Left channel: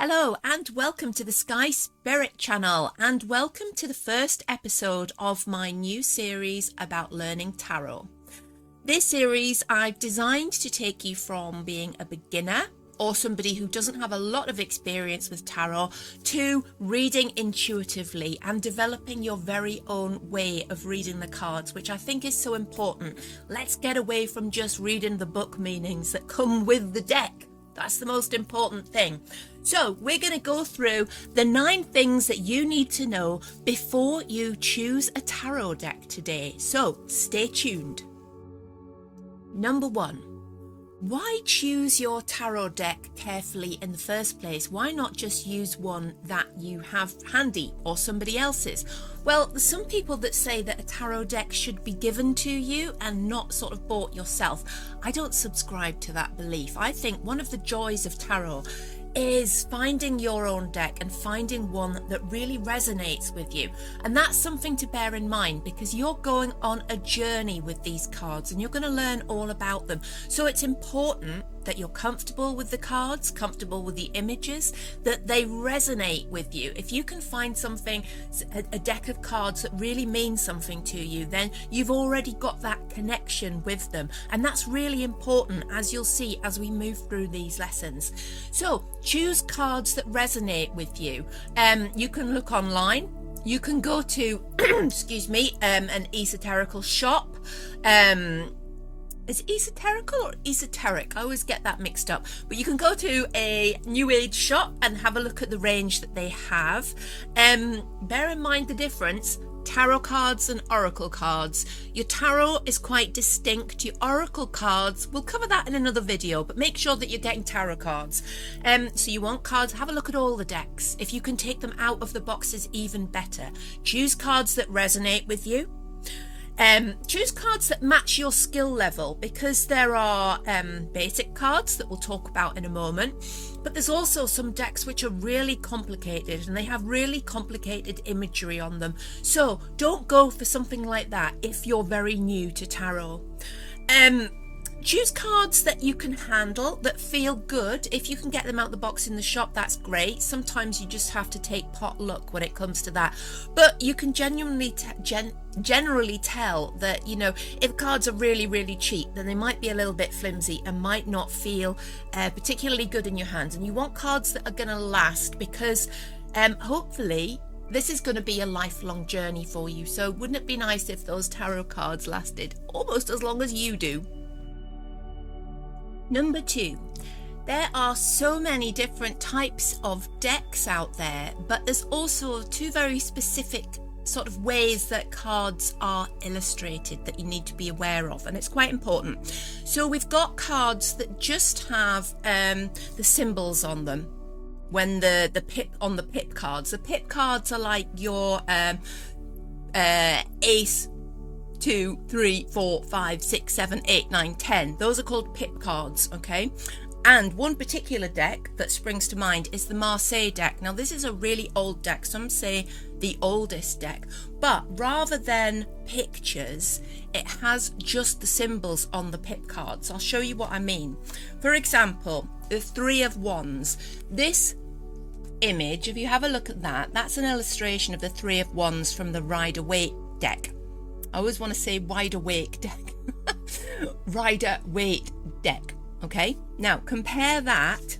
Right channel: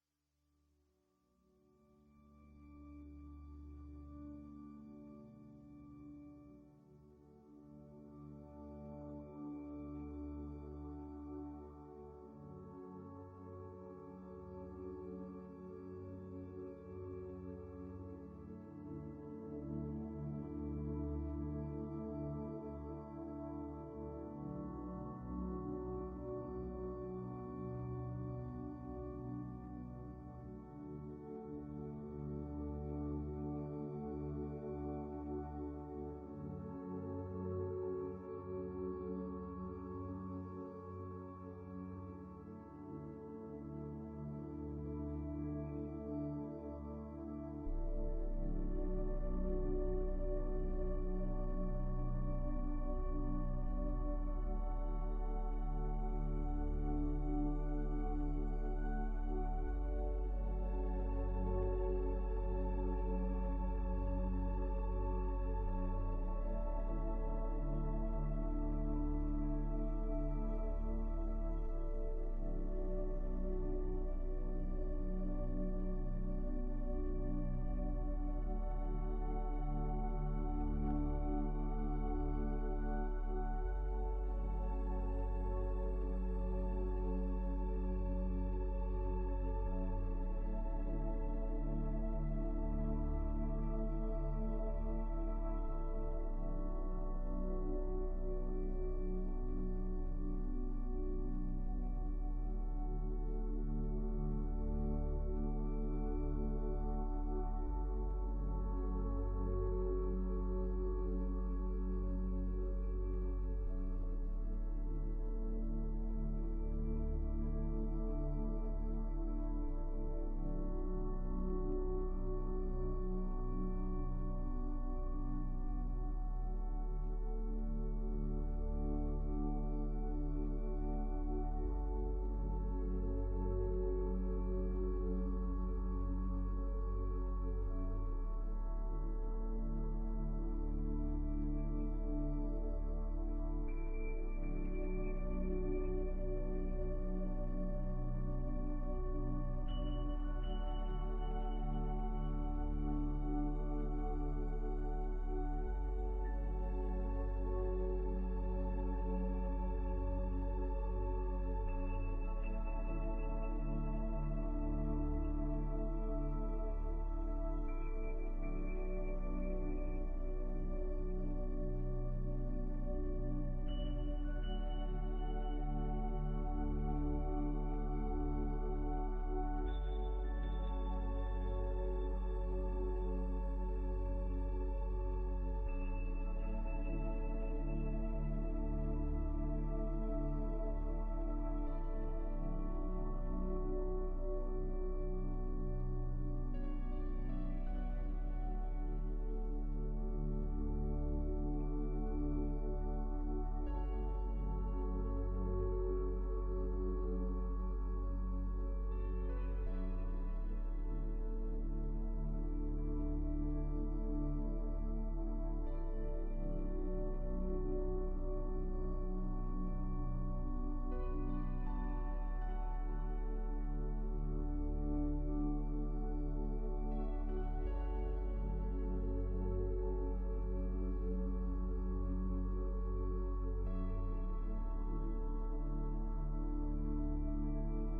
Hello and welcome to the Sky Spirit channel, and welcome to the first episode of my new series about learning tarot. This series I've designed to take you from being a beginner or somebody who doesn't have a lot of experience with tarot to reading intuitively and developing your very own way of reading the cards, which I think is so important. Let's get away from just reading the book meanings that come with the deck. That's the most important thing. So we're going to go through the 9 things that you need to know before you choose a tarot deck today. So stay tuned. Number 1. Why choose your tarot deck carefully in the first place? Why not just use one that you have handy or somebody else's? Well, there's some people that say that a tarot deck should be given to you and not sort of bought yourself. I don't subscribe to that belief. I think one of the joys of tarot is finding your own deck and finding one that really resonates with you. And that's something to bear in mind, because you're going on a journey with these cards and you're going to learn all about them. So it's important that you're comfortable with the cards, comfortable with the images, that they resonate with you. If you can find something, a deck of cards that really means something to you, then you've already got that connection with them. And that's really important, as you'll see as we move through these lessons. So choose cards that resonate with you. You can look online. You can go to, excuse me, an esoterical shop. Is it esoterical or esoteric? I always get that mixed up. But you can go to a new age shop and have a look at the range that they have. Bear in mind the difference. Tarot cards and oracle cards. Your tarot is quite distinct. Your oracle cards, we'll cover that in another video, but make sure that you're getting tarot cards. So you want cards, have a look at all the decks. If you can take them out of the boxes, even better. Choose cards that resonate with you. Choose cards that match your skill level, because there are basic cards that we'll talk about in a moment, but there's also some decks which are really complicated and they have really complicated imagery on them. So don't go for something like that if you're very new to tarot. Choose cards that you can handle, that feel good. If you can get them out the box in the shop, that's great. Sometimes you just have to take pot luck when it comes to that. But you can generally tell that, you know, if cards are really, really cheap, then they might be a little bit flimsy and might not feel particularly good in your hands. And you want cards that are going to last, because hopefully this is going to be a lifelong journey for you. So wouldn't it be nice if those tarot cards lasted almost as long as you do? Number 2, there are so many different types of decks out there, but there's also 2 very specific sort of ways that cards are illustrated that you need to be aware of, and it's quite important. So we've got cards that just have the symbols on them. When the pip on the pip cards, the pip cards are like your ace, 2, 3, 4, 5, 6, 7, 8, 9, 10. Those are called pip cards, okay? And one particular deck that springs to mind is the Marseille deck. Now, this is a really old deck. Some say the oldest deck. But rather than pictures, it has just the symbols on the pip cards. I'll show you what I mean. For example, the 3 of Wands. This image, if you have a look at that, that's an illustration of the 3 of Wands from the Rider-Waite deck. I always want to say wide awake deck. Rider-Waite deck. Okay, now compare that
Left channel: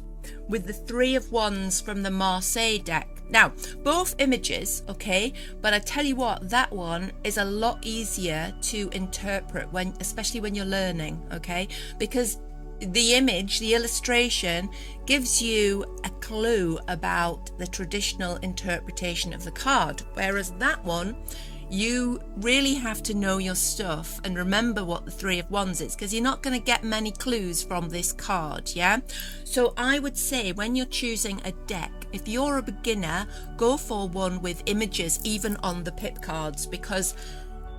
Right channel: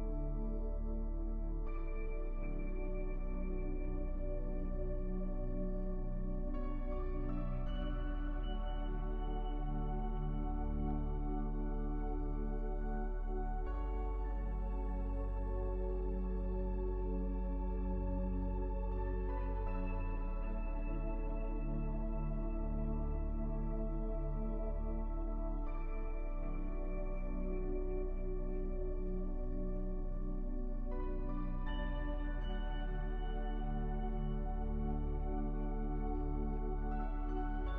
with the 3 of Wands from the Marseille deck. Now, both images, okay, but I tell you what, that one is a lot easier to interpret, especially when you're learning, okay, because the image, the illustration, gives you a clue about the traditional interpretation of the card, whereas that one, you really have to know your stuff and remember what the 3 of Wands is, because you're not going to get many clues from this card, yeah? So I would say when you're choosing a deck, if you're a beginner, go for one with images even on the pip cards, because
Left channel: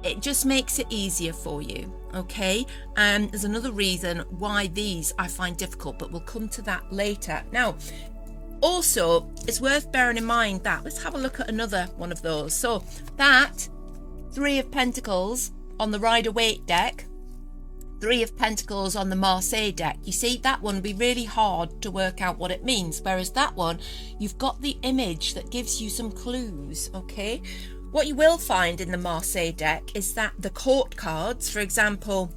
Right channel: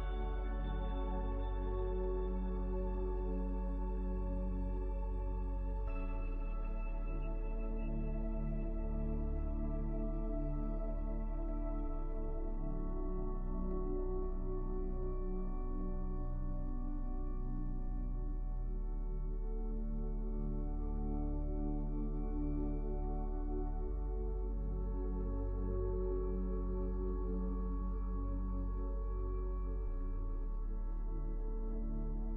it just makes it easier for you, okay? And there's another reason why these I find difficult, but we'll come to that later. Now, also, it's worth bearing in mind that, let's have a look at another one of those. So that 3 of Pentacles on the Rider-Waite deck Three of Pentacles on the Marseille deck. You see, that one would be really hard to work out what it means, whereas that one, you've got the image that gives you some clues, okay? What you will find in the Marseille deck is that the court cards, for example,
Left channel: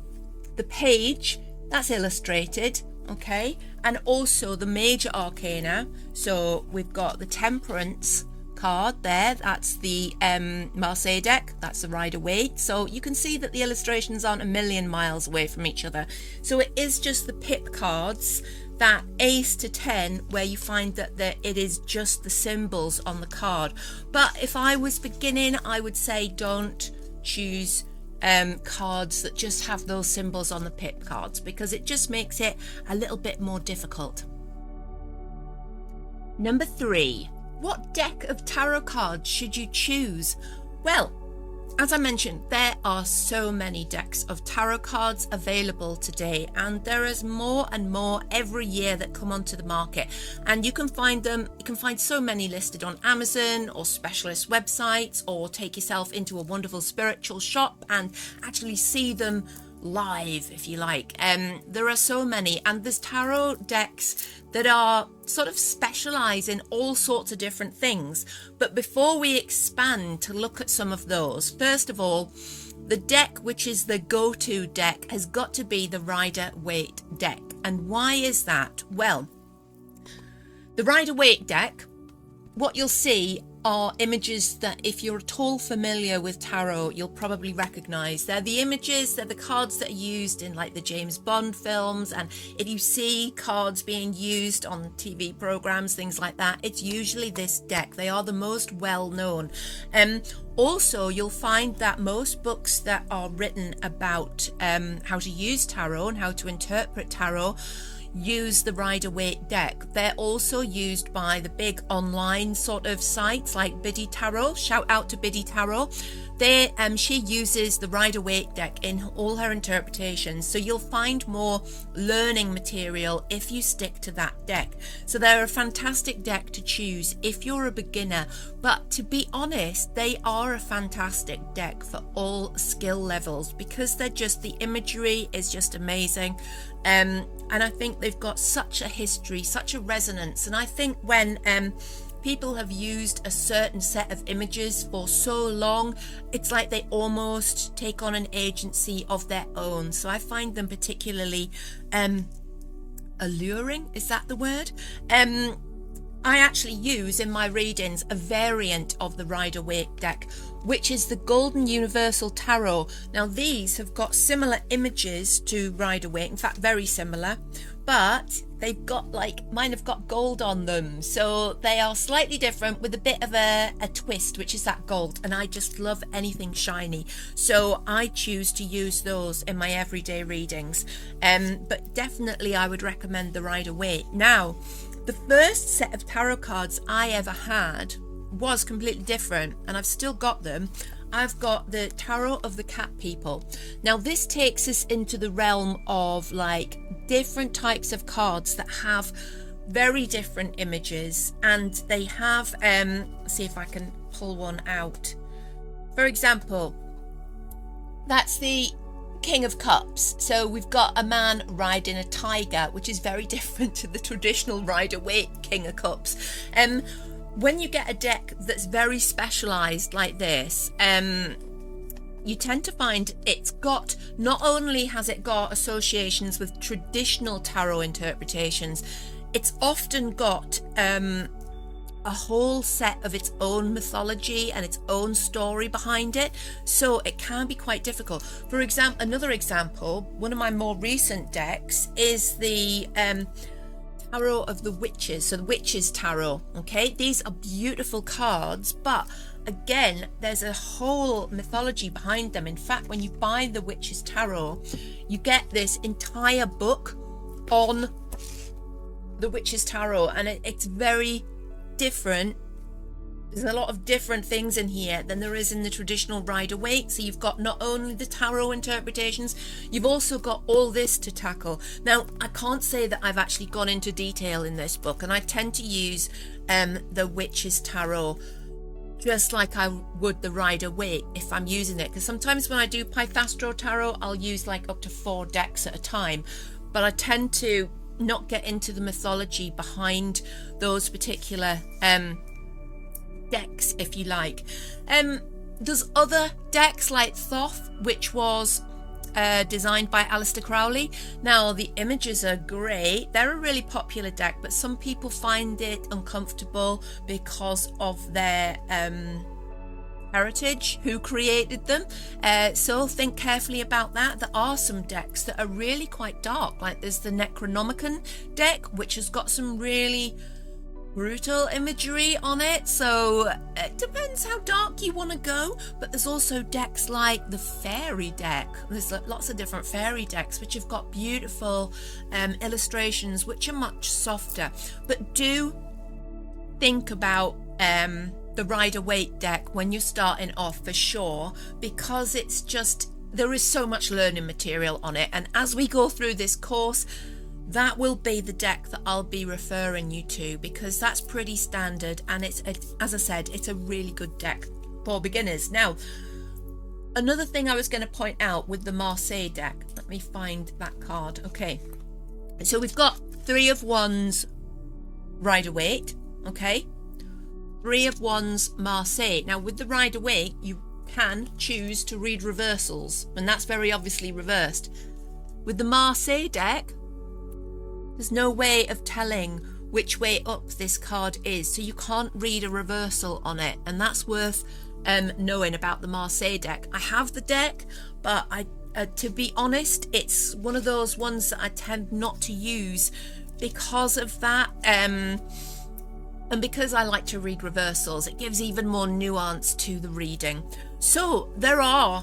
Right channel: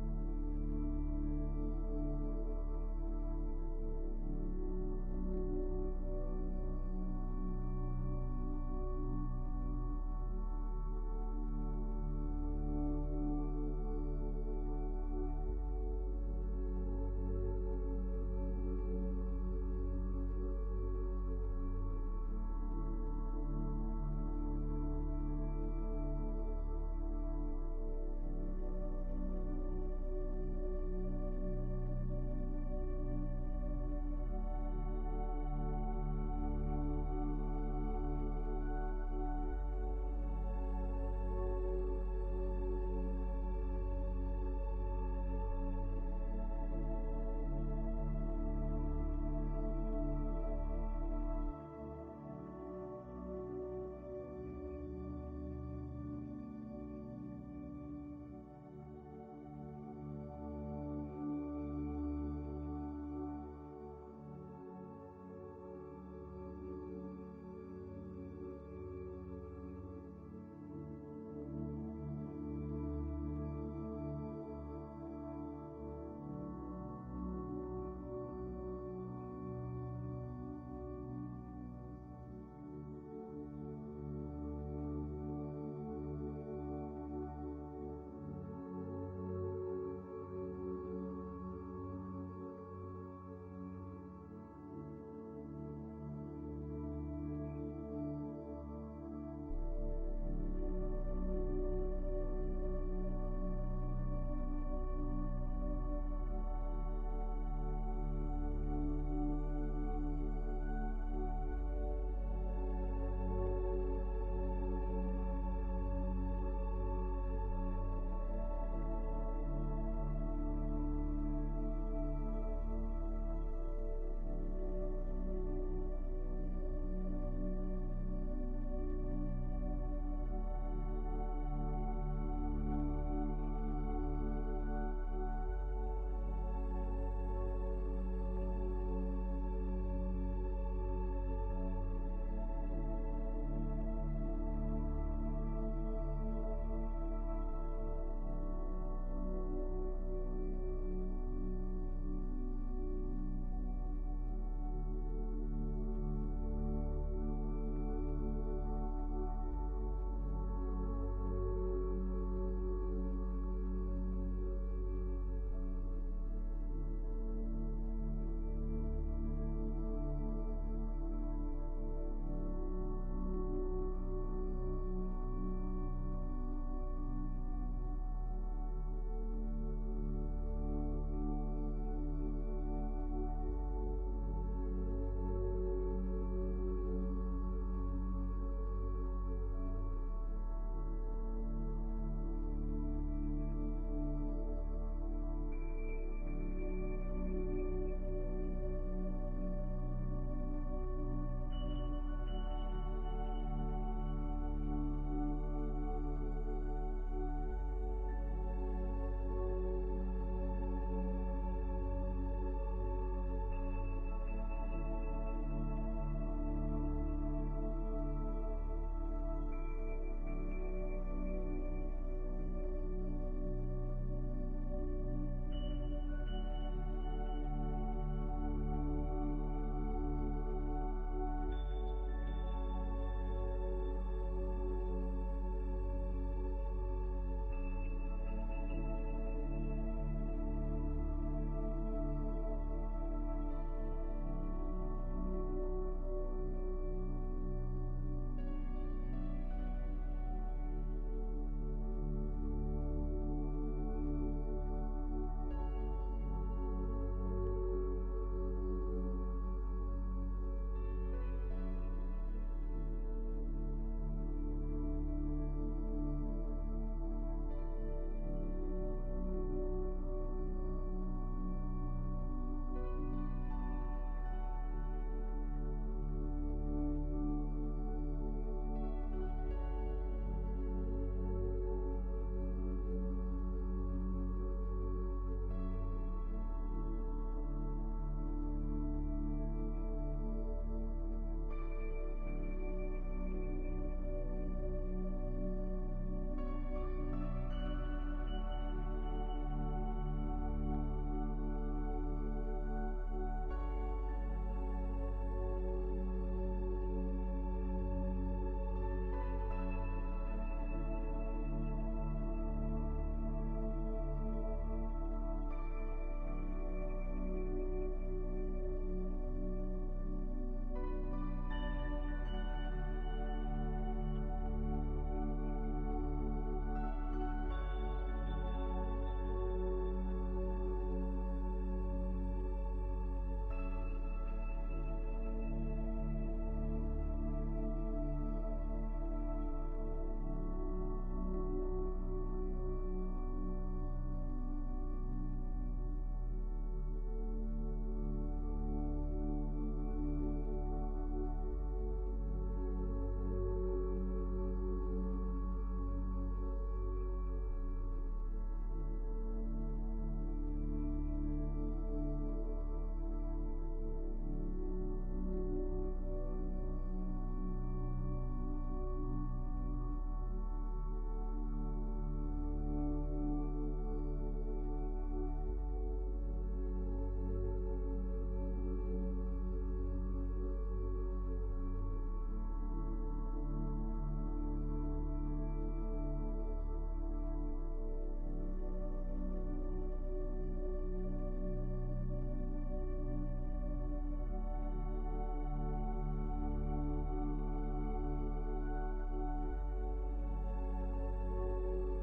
the page, that's illustrated, okay? And also the major arcana. So we've got the Temperance card there, that's the Marseille deck, that's the Rider-Waite. So you can see that the illustrations aren't a million miles away from each other. So it is just the pip cards, that Ace to 10, where you find that it is just the symbols on the card. But if I was beginning, I would say don't choose cards that just have those symbols on the pip cards, because it just makes it a little bit more difficult. Number 3. What deck of tarot cards should you choose? Well, as I mentioned, there are so many decks of tarot cards available today, and there is more and more every year that come onto the market, and you can find so many listed on Amazon or specialist websites, or take yourself into a wonderful spiritual shop and actually see them live if you like. There are so many, and there's tarot decks that are sort of specialize in all sorts of different things. But before we expand to look at some of those, first of all, the deck which is the go-to deck has got to be the Rider-Waite deck. And why is that? Well, the Rider-Waite deck, what you'll see are images that, if you're at all familiar with tarot, you'll probably recognize. They're the images, they're the cards that are used in like the James Bond films, and if you see cards being used on TV programs, things like that, it's usually this deck. They are the most well known. Also, you'll find that most books that are written about how to use tarot and how to interpret tarot use the Rider-Waite deck. They're also used by the big online sort of sites like Biddy Tarot. Shout out to Biddy Tarot. She uses the Rider-Waite deck in all her interpretations, so you'll find more learning material if you stick to that deck. So they're a fantastic deck to choose if you're a beginner, but to be honest, they are a fantastic deck for all skill levels, because they're just, the imagery is just amazing. And I think they've got such a history, such a resonance. And I think when people have used a certain set of images for so long, it's like they almost take on an agency of their own. So I find them particularly alluring, is that the word? I actually use in my readings a variant of the Rider-Waite deck, which is the Golden Universal Tarot. Now these have got similar images to Rider-Waite, in fact very similar, but they've got mine have got gold on them, so they are slightly different with a bit of a twist, which is that gold, and I just love anything shiny, so I choose to use those in my everyday readings. But definitely I would recommend the Rider-Waite. Now, the first set of tarot cards I ever had was completely different, and I've still got them. I've got the Tarot of the Cat People. Now this takes us into the realm of like different types of cards that have very different images, and they have see if I can pull one out. For example, that's the King of Cups. So we've got a man riding a tiger, which is very different to the traditional Rider-Waite King of Cups. When you get a deck that's very specialized like this, you tend to find it's got, not only has it got associations with traditional tarot interpretations, it's often got a whole set of its own mythology and its own story behind it, so it can be quite difficult. For example, another example, one of my more recent decks is the Tarot of the Witches, so the Witches Tarot. Okay, these are beautiful cards, but again, there's a whole mythology behind them. In fact, when you buy the Witches Tarot, you get this entire book on the Witches Tarot, and it's very different. There's a lot of different things in here than there is in the traditional Rider-Waite. So you've got not only the tarot interpretations, you've also got all this to tackle. Now, I can't say that I've actually gone into detail in this book, and I tend to use the Witches Tarot just like I would the Rider-Waite if I'm using it, because sometimes when I do Pythastro Tarot, I'll use like up to 4 decks at a time, but I tend to not get into the mythology behind those particular decks, if you like. There's other decks like Thoth, which was designed by Aleister Crowley. Now the images are great, they're a really popular deck, but some people find it uncomfortable because of their heritage, who created them, so think carefully about that. There are some decks that are really quite dark, like there's the Necronomicon deck, which has got some really brutal imagery on it, so it depends how dark you want to go. But there's also decks like the Fairy deck. There's lots of different fairy decks which have got beautiful illustrations which are much softer. But do think about the Rider-Waite deck when you're starting off, for sure, because it's just, there is so much learning material on it, and as we go through this course, that will be the deck that I'll be referring you to, because that's pretty standard, and it's, as I said, it's a really good deck for beginners. Now, another thing I was going to point out with the Marseille deck, let me find that card. Okay, so we've got 3 of Wands Rider-Waite, okay, 3 of Wands Marseille. Now with the Rider-Waite, you can choose to read reversals, and that's very obviously reversed. With the Marseille deck, there's no way of telling which way up this card is, so you can't read a reversal on it, and that's worth knowing about the Marseille deck. I have the deck, but to be honest, it's one of those ones that I tend not to use because of that, and because I like to read reversals. It gives even more nuance to the reading. So there are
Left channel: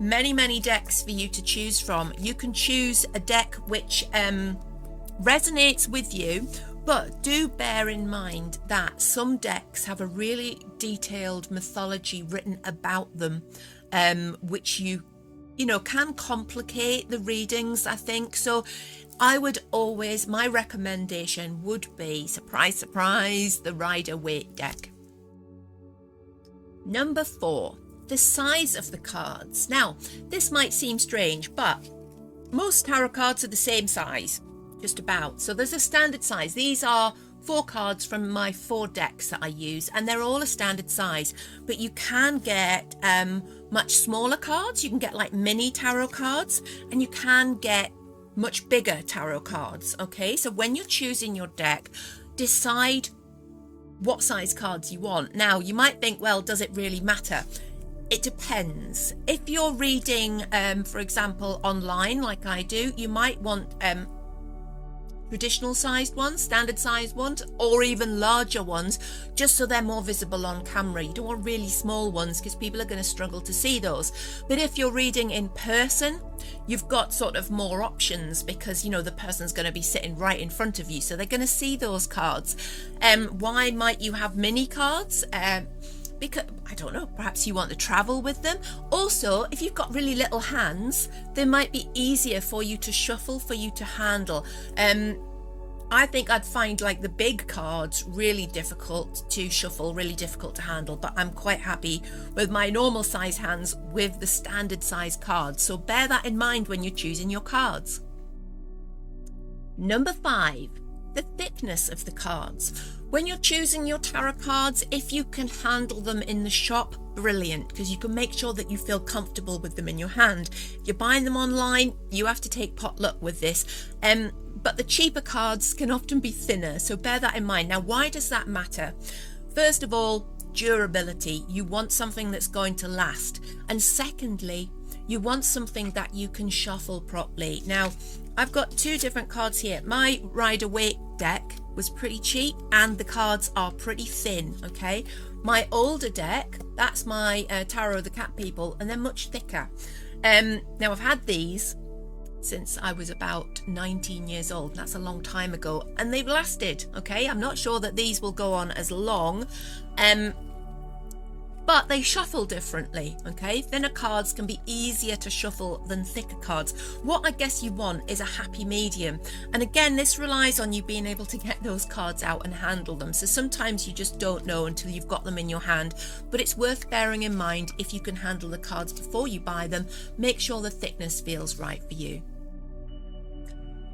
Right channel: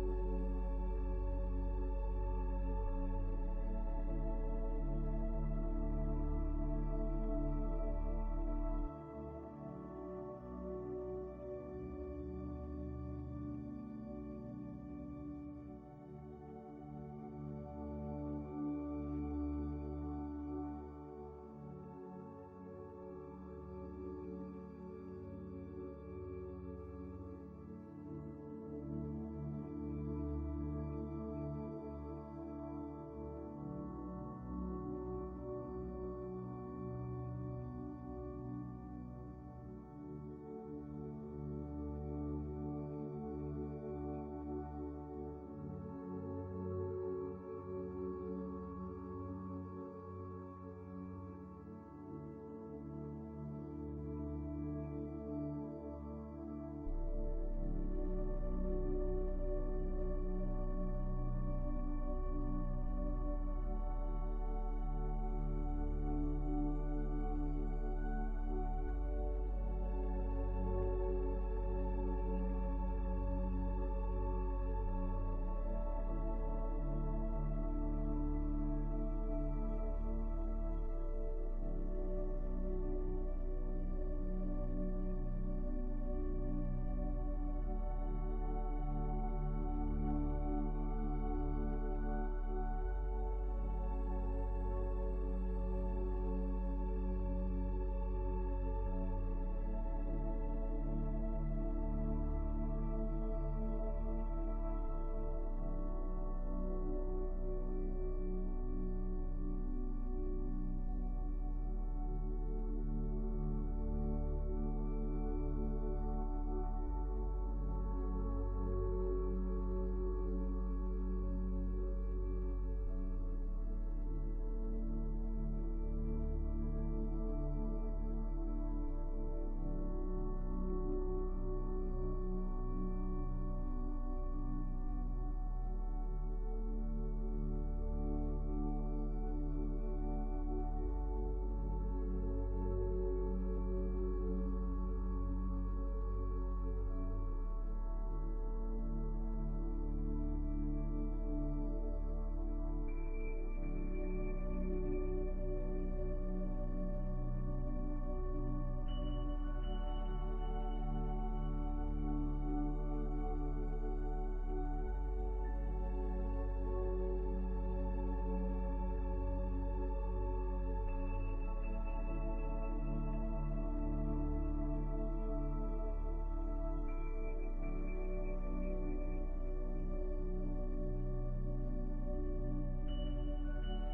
many decks for you to choose from. You can choose a deck which resonates with you, but do bear in mind that some decks have a really detailed mythology written about them, which you know can complicate the readings, I think. So I would always, my recommendation would be, surprise surprise, the Rider-Waite deck. Number 4, the size of the cards. Now this might seem strange, but most tarot cards are the same size, just about. So there's a standard size. These are 4 cards from my 4 decks that I use, and they're all a standard size, but you can get much smaller cards. You can get like mini tarot cards, and you can get much bigger tarot cards. Okay, so when you're choosing your deck, decide what size cards you want. Now you might think, well, does it really matter? It depends. If you're reading for example online like I do, you might want traditional sized ones, standard sized ones, or even larger ones, just so they're more visible on camera. You don't want really small ones because people are going to struggle to see those. But if you're reading in person, you've got sort of more options, because you know the person's going to be sitting right in front of you, so they're going to see those cards. Why might you have mini cards? Because I don't know, perhaps you want to travel with them. Also, if you've got really little hands, they might be easier for you to shuffle, for you to handle. I think I'd find like the big cards really difficult to shuffle, really difficult to handle, but I'm quite happy with my normal size hands with the standard size cards. So bear that in mind when you're choosing your cards. Number 5, the thickness of the cards. When you're choosing your tarot cards, if you can handle them in the shop, brilliant, because you can make sure that you feel comfortable with them in your hand. If you're buying them online, you have to take potluck with this. But the cheaper cards can often be thinner, so bear that in mind. Now, why does that matter? First of all, durability. You want something that's going to last. And secondly, you want something that you can shuffle properly. Now, I've got 2 different cards here. My Rider-Waite deck was pretty cheap, and the cards are pretty thin, okay? My older deck, that's my Tarot of the Cat People, and they're much thicker. Now, I've had these since I was about 19 years old. That's a long time ago, and they've lasted, okay? I'm not sure that these will go on as long. but they shuffle differently, okay? Thinner cards can be easier to shuffle than thicker cards. What I guess you want is a happy medium. And again, this relies on you being able to get those cards out and handle them. So sometimes you just don't know until you've got them in your hand, but it's worth bearing in mind if you can handle the cards before you buy them. Make sure the thickness feels right for you.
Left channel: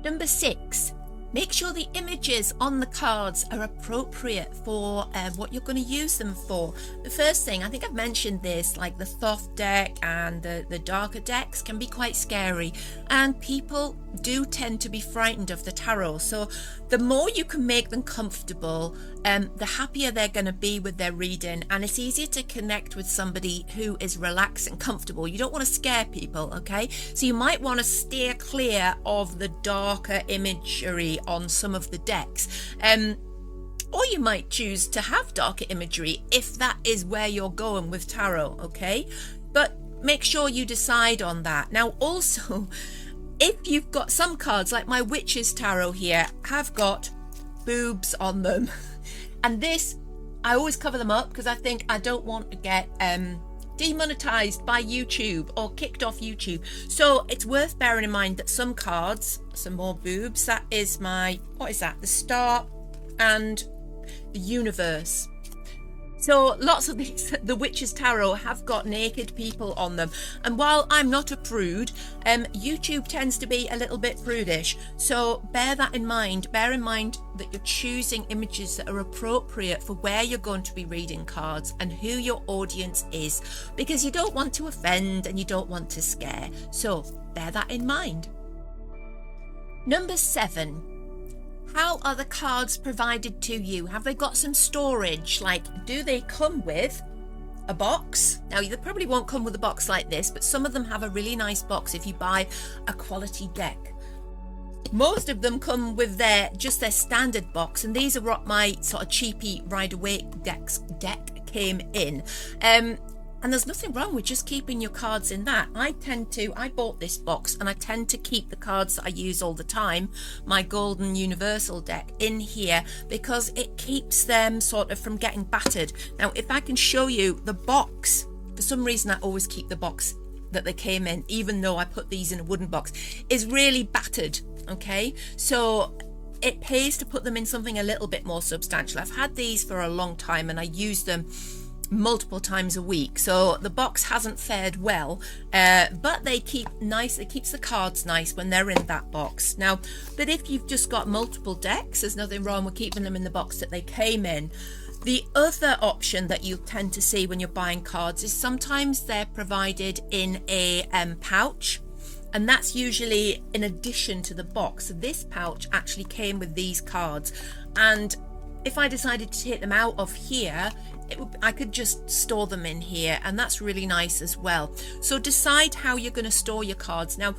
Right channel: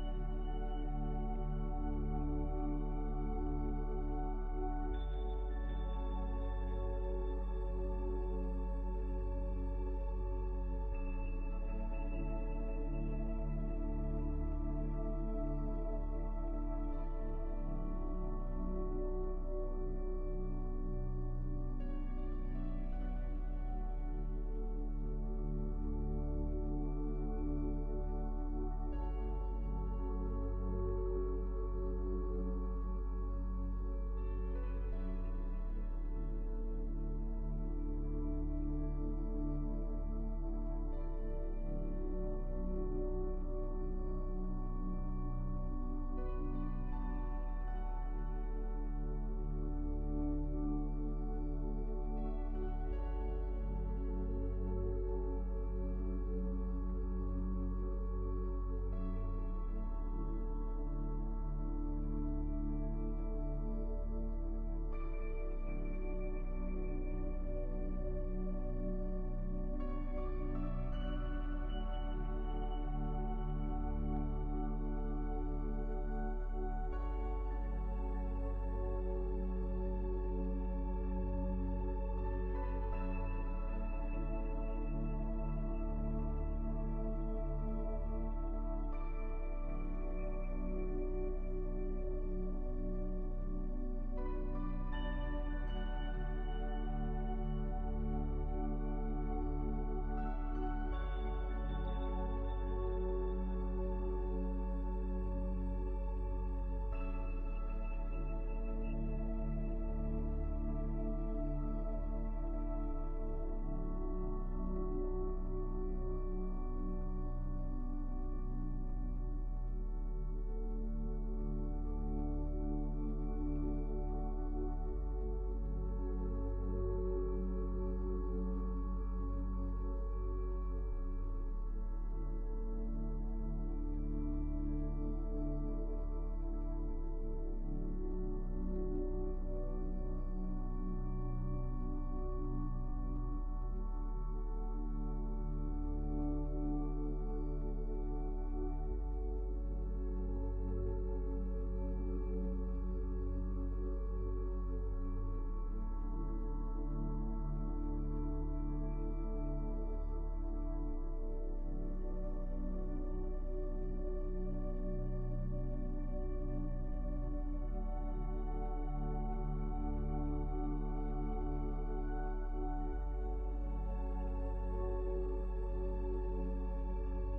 Number 6. Make sure the images on the cards are appropriate for what you're going to use them for. The first thing, I think I've mentioned this, like the Thoth deck and the darker decks can be quite scary, and people do tend to be frightened of the tarot. So the more you can make them comfortable, the happier they're going to be with their reading, and it's easier to connect with somebody who is relaxed and comfortable. You don't want to scare people, okay? So you might want to steer clear of the darker imagery on some of the decks, or you might choose to have darker imagery if that is where you're going with tarot, okay? But make sure you decide on that. Now also, if you've got some cards like my Witch's Tarot here have got boobs on them, and this, I always cover them up because I think I don't want to get demonetized by YouTube or kicked off YouTube. So it's worth bearing in mind that some cards, some more boobs, that is my, what is that? The Star and the Universe. So lots of these, the Witch's Tarot have got naked people on them. And while I'm not a prude, YouTube tends to be a little bit prudish. So bear that in mind. Bear in mind that you're choosing images that are appropriate for where you're going to be reading cards and who your audience is, because you don't want to offend and you don't want to scare. So bear that in mind. Number 7. How are the cards provided to you? Have they got some storage? Like, do they come with a box? Now, they probably won't come with a box like this, but some of them have a really nice box if you buy a quality deck. Most of them come with their standard box, and these are what my sort of cheapy Rider-Waite deck came in. And there's nothing wrong with just keeping your cards in that. I bought this box and I tend to keep the cards that I use all the time, my Golden Universal deck, in here because it keeps them sort of from getting battered. Now, if I can show you the box, for some reason I always keep the box that they came in, even though I put these in a wooden box, is really battered, okay? So it pays to put them in something a little bit more substantial. I've had these for a long time and I use them multiple times a week, so the box hasn't fared well, but they keep nice. It keeps the cards nice when they're in that box. Now, but if you've just got multiple decks, there's nothing wrong with keeping them in the box that they came in. The other option that you tend to see when you're buying cards is sometimes they're provided in a pouch, and that's usually in addition to the box. So this pouch actually came with these cards, and if I decided to take them out of here, I could just store them in here, and that's really nice as well. So decide how you're going to store your cards. Now,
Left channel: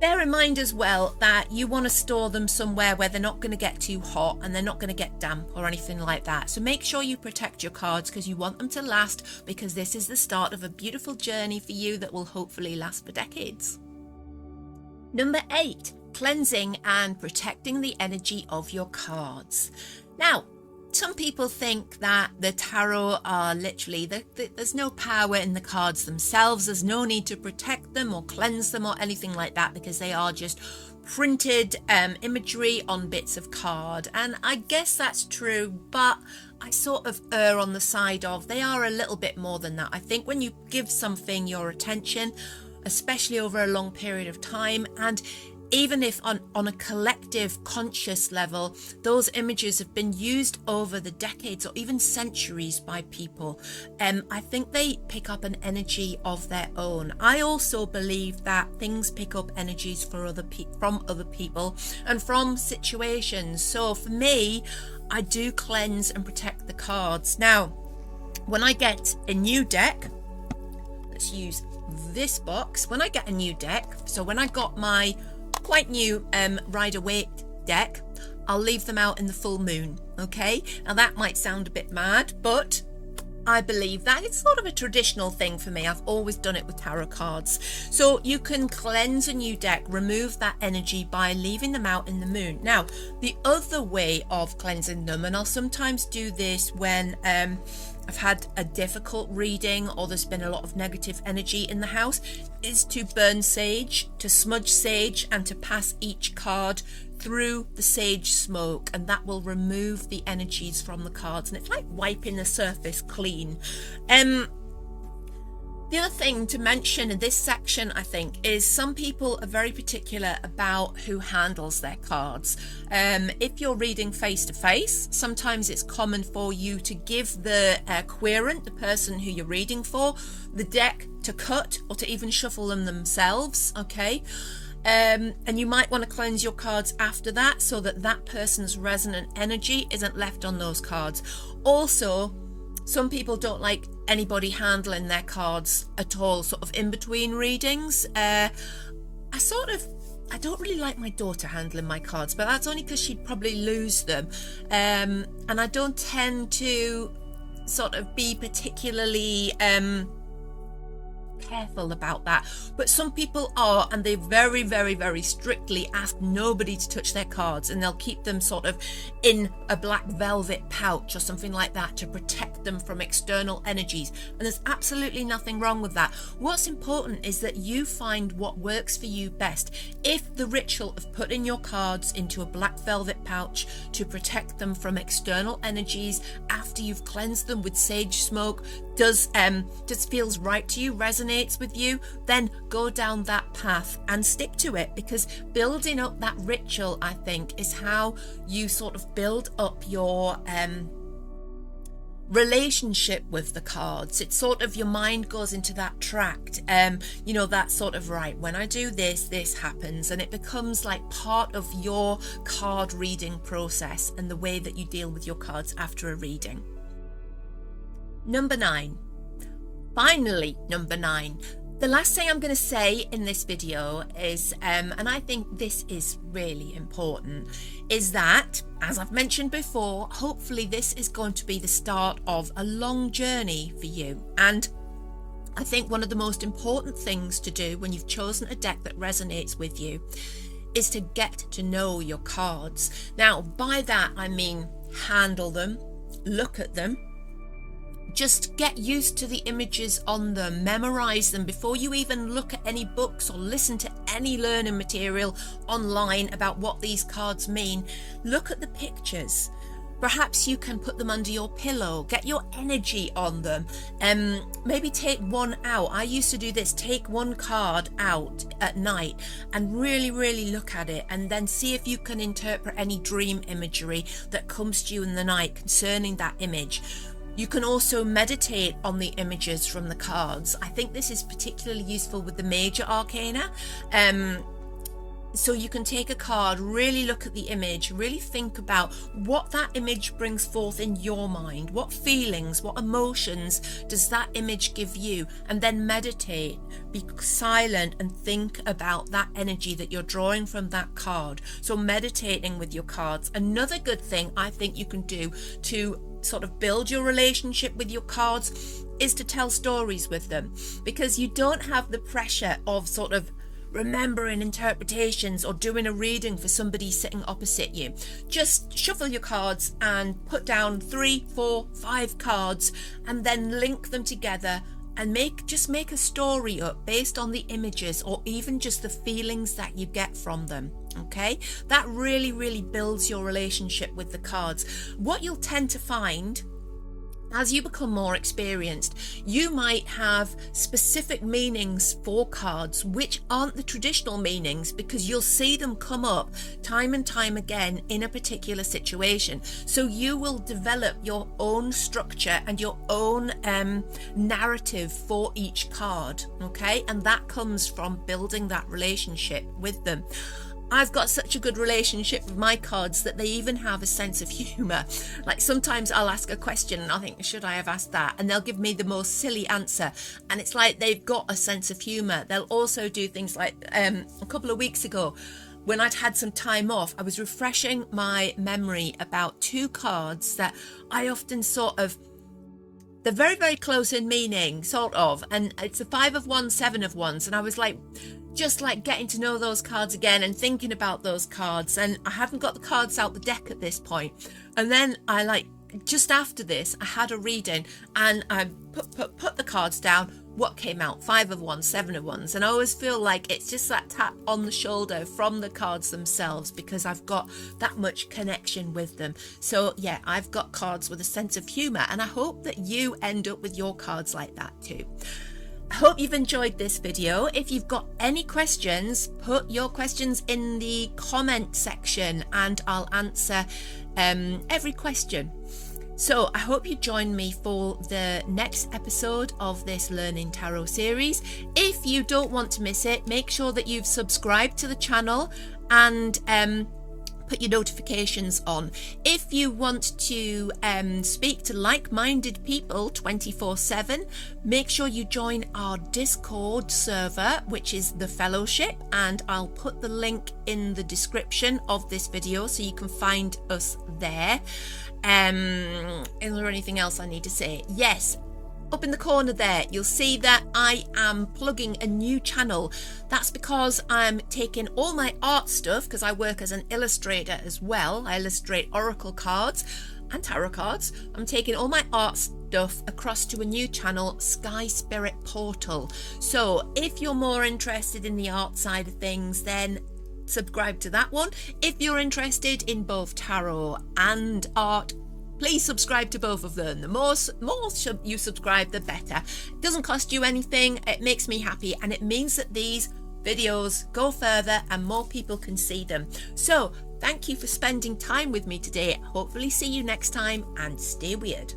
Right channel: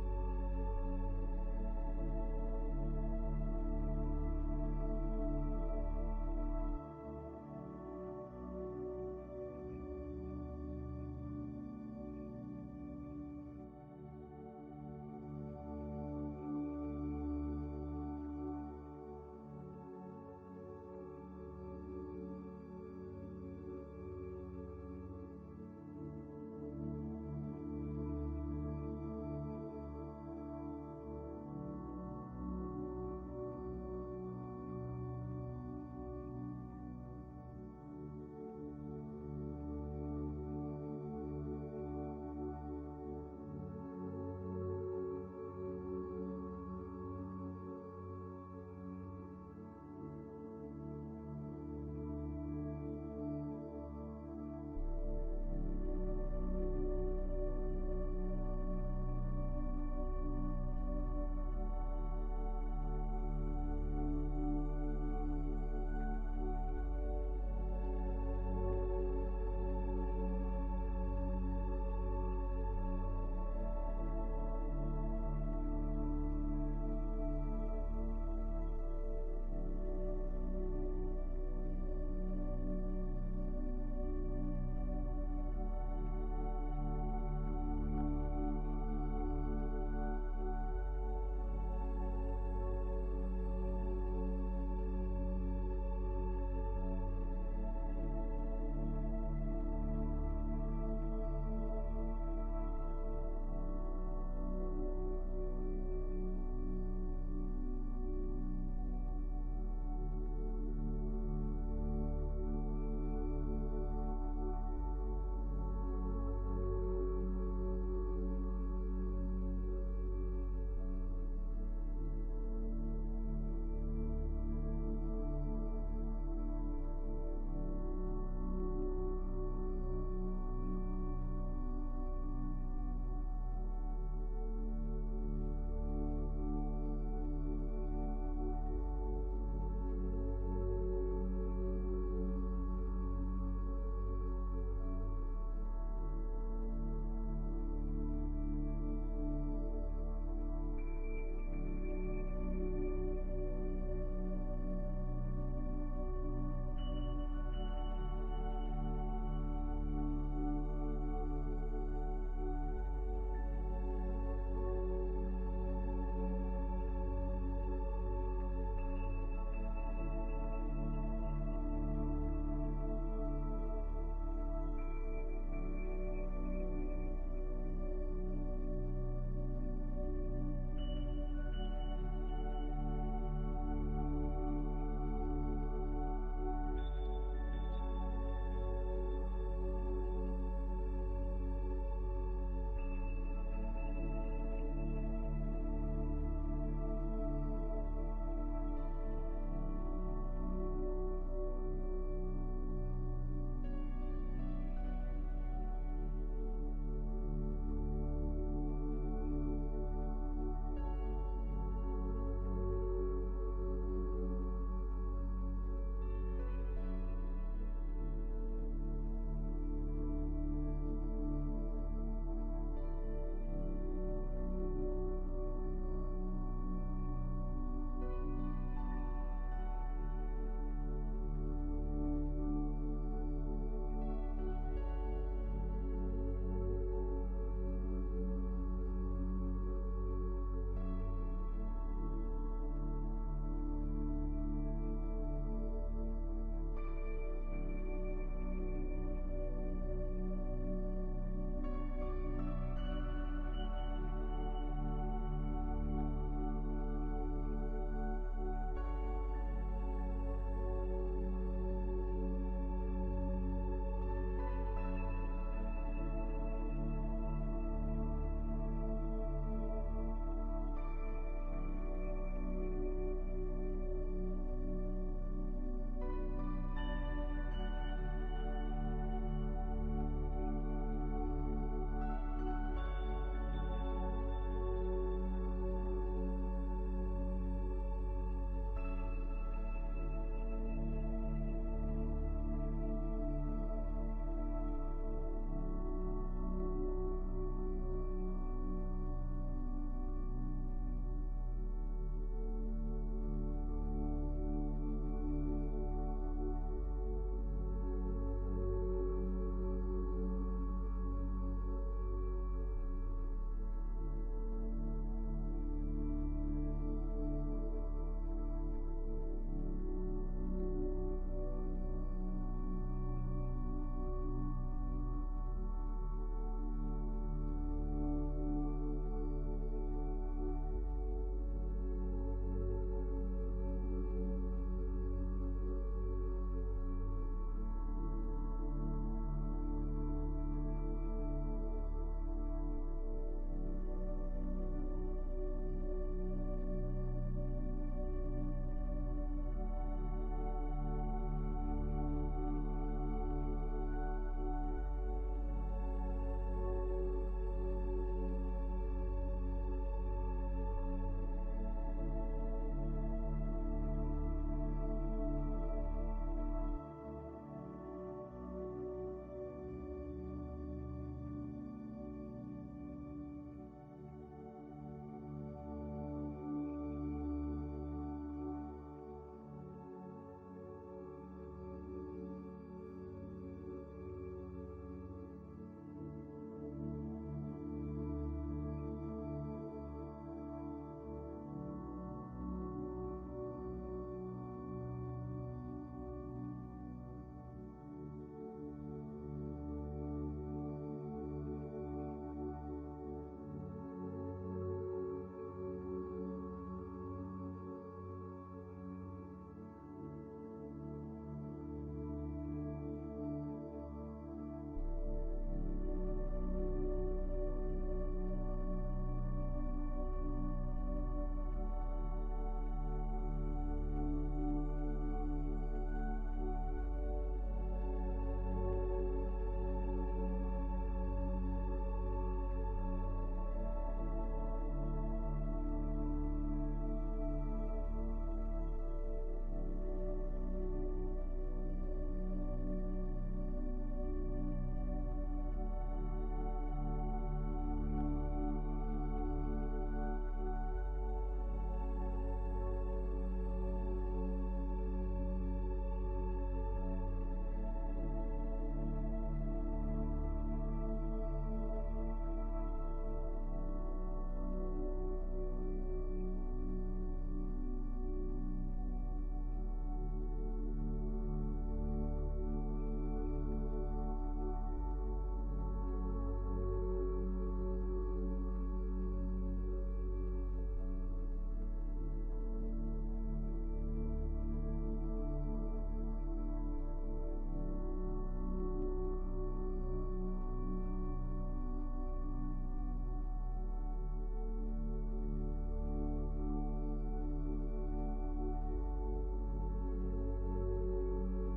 bear in mind as well that you want to store them somewhere where they're not going to get too hot and they're not going to get damp or anything like that. So make sure you protect your cards because you want them to last, because this is the start of a beautiful journey for you that will hopefully last for decades. Number 8, cleansing and protecting the energy of your cards. Now, some people think that the tarot are literally, there's no power in the cards themselves. There's no need to protect them or cleanse them or anything like that, because they are just printed imagery on bits of card. And I guess that's true, but I sort of err on the side of they are a little bit more than that. I think when you give something your attention, especially over a long period of time, and even if on a collective conscious level, those images have been used over the decades or even centuries by people, I think they pick up an energy of their own. I also believe that things pick up energies from other people and from situations. So for me, I do cleanse and protect the cards. Now, when I get a new deck, let's use this box. When I get a new deck, so when I got my quite new Rider-Waite deck, I'll leave them out in the full moon, okay? Now that might sound a bit mad, but I believe that it's sort of a traditional thing for me. I've always done it with tarot cards. So you can cleanse a new deck, remove that energy by leaving them out in the moon. Now, the other way of cleansing them, and I'll sometimes do this when I've had a difficult reading or there's been a lot of negative energy in the house, is to burn sage, to smudge sage, and to pass each card through the sage smoke, and that will remove the energies from the cards, and it's like wiping the surface clean. The other thing to mention in this section, I think, is some people are very particular about who handles their cards. If you're reading face to face, sometimes it's common for you to give the querent, the person who you're reading for, the deck to cut or to even shuffle them themselves, okay? And you might want to cleanse your cards after that so that that person's resonant energy isn't left on those cards. Also, some people don't like anybody handling their cards at all, sort of in between readings. I don't really like my daughter handling my cards, but that's only because she'd probably lose them. And I don't tend to sort of be particularly careful about that, but some people are, and they very, very, very strictly ask nobody to touch their cards, and they'll keep them sort of in a black velvet pouch or something like that to protect them from external energies, and there's absolutely nothing wrong with that. What's important is that you find what works for you best. If the ritual of putting your cards into a black velvet pouch to protect them from external energies after you've cleansed them with sage smoke just feels right to you, resonates with you, then go down that path and stick to it, because building up that ritual, I think, is how you sort of build up your relationship with the cards. It's sort of your mind goes into that tract, that sort of, right, when I do this happens, and it becomes like part of your card reading process and the way that you deal with your cards after a reading. Number 9. Finally, number 9. The last thing I'm going to say in this video is, and I think this is really important, is that, as I've mentioned before, hopefully this is going to be the start of a long journey for you. And I think one of the most important things to do when you've chosen a deck that resonates with you is to get to know your cards. Now, by that I mean handle them, look at them, just get used to the images on them, memorize them before you even look at any books or listen to any learning material online about what these cards mean. Look at the pictures. Perhaps you can put them under your pillow, get your energy on them, maybe take one out. I used to do this, take one card out at night and really, really look at it, and then see if you can interpret any dream imagery that comes to you in the night concerning that image. You can also meditate on the images from the cards. I think this is particularly useful with the major arcana. So you can take a card, really look at the image, really think about what that image brings forth in your mind. What feelings, what emotions does that image give you? And then meditate, be silent and think about that energy that you're drawing from that card. So meditating with your cards. Another good thing I think you can do to sort of build your relationship with your cards is to tell stories with them, because you don't have the pressure of sort of remembering interpretations or doing a reading for somebody sitting opposite you. Just shuffle your cards and put down 3, 4, 5 cards and then link them together and make a story up based on the images or even just the feelings that you get from them. Okay, that really, really builds your relationship with the cards. What you'll tend to find as you become more experienced, you might have specific meanings for cards which aren't the traditional meanings, because you'll see them come up time and time again in a particular situation. So you will develop your own structure and your own narrative for each card, okay? And that comes from building that relationship with them. I've got such a good relationship with my cards that they even have a sense of humour. Like sometimes I'll ask a question and I'll think, should I have asked that? And they'll give me the most silly answer. And it's like they've got a sense of humour. They'll also do things like a couple of weeks ago when I'd had some time off, I was refreshing my memory about 2 cards that I often they're very, very close in meaning, sort of, and it's a 5 of Wands, 7 of Wands, and I was like, just like getting to know those cards again and thinking about those cards, and I haven't got the cards out the deck at this point. And then I like, just after this, I had a reading and I put the cards down. What came out? 5 of Wands, 7 of Wands. And I always feel like it's just that tap on the shoulder from the cards themselves, because I've got that much connection with them. So yeah, I've got cards with a sense of humor, and I hope that you end up with your cards like that too. I hope you've enjoyed this video. If you've got any questions, put your questions in the comment section and I'll answer every question. So I hope you join me for the next episode of this Learning Tarot series. If you don't want to miss it, make sure that you've subscribed to the channel and put your notifications on. If you want to speak to like-minded people 24/7, make sure you join our Discord server, which is the Fellowship, and I'll put the link in the description of this video so you can find us there. Is there anything else I need to say? Yes, up in the corner there you'll see that I am plugging a new channel. That's because I'm taking all my art stuff, because I work as an illustrator as well. I illustrate oracle cards and tarot cards. I'm taking all my art stuff across to a new channel, Sky Spirit Portal. So if you're more interested in the art side of things, then subscribe to that one. If you're interested in both tarot and art, please subscribe to both of them. The more you subscribe, the better. It doesn't cost you anything. It makes me happy, and it means that these videos go further and more people can see them. So thank you for spending time with me today. Hopefully see you next time, and stay weird.